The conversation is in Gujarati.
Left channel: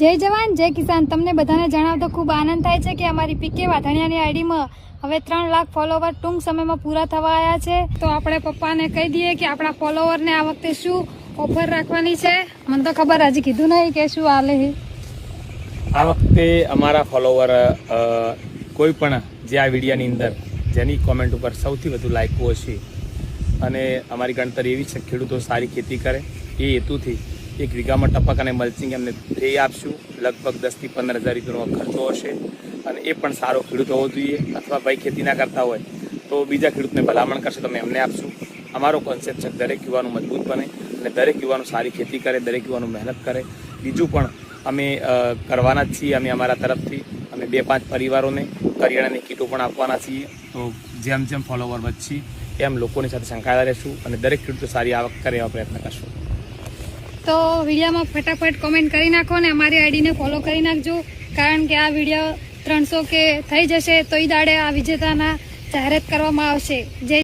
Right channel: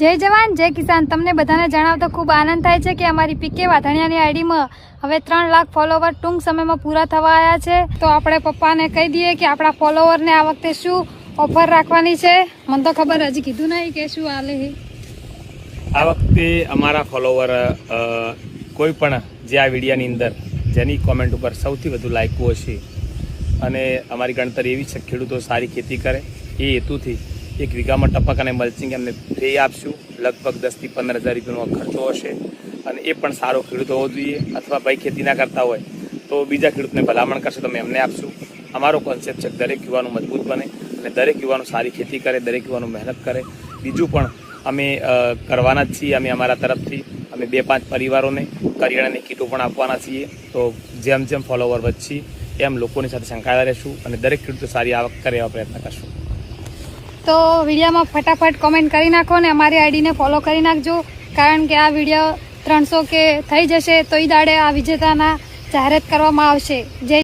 જય જવાન જય કિસાન। તમને બધાને જણાવતો ખૂબ આનંદ થાય છે કે અમારી પીકે વાધણિયાની આઈડીમાં હવે 3 લાખ ફોલોવર ટૂંક સમયમાં પૂરા થવા આવ્યા છે। તો આપણે પપ્પાને કહી દઈએ કે આપણા ફોલોવરને આ વખતે શું ઓફર રાખવાની છે। મને તો ખબર હજી કીધું નહીં કે શું હાલે છે। આ વખતે અમારા ફોલોવર કોઈ પણ જે આ વિડીયાની અંદર જેની કોમેન્ટ ઉપર સૌથી વધુ લાઈકો હશે અને અમારી ગણતરી એવી છે ખેડૂતો સારી ખેતી કરે એ હેતુથી 1 વીઘામાં ટપક અને મલ્ચિંગ એમને ફ્રી આપશું। લગભગ 10 થી 15 હજાર રૂપિયાનો ખર્ચો હશે અને એ પણ સારો ખેડૂત હોવો જોઈએ અથવા ભાઈ ખેતી ના કરતા હોય તો બીજા ખેડૂતને ભલામણ કરશે તો અમે એમને આપશું। અમારો કોન્સેપ્ટ છે દરેક યુવાનો મજબૂત બને અને દરેક યુવાનો સારી ખેતી કરે, દરેક યુવાનો મહેનત કરે। બીજું પણ અમે કરવાના જ છીએ। અમે અમારા તરફથી અમે 2-5 પરિવારોને કરિયાણાની કીટો પણ આપવાના છીએ। તો જેમ જેમ ફોલોવર વધશે એમ લોકોની સાથે સંકળાયેલા રહેશું અને દરેક ખેડૂતો સારી આવક કરે એવા પ્રયત્ન કરશું। તો વિડીયોમાં ફટાફટ કોમેન્ટ કરી નાખો અને અમારી આઈડીને ફોલો કરી નાખજો, કારણ કે આ વિડીયો 300 કે થઈ જશે તો એ દાડે આ વિજેતાના જાહેરાત કરવામાં આવશે। જય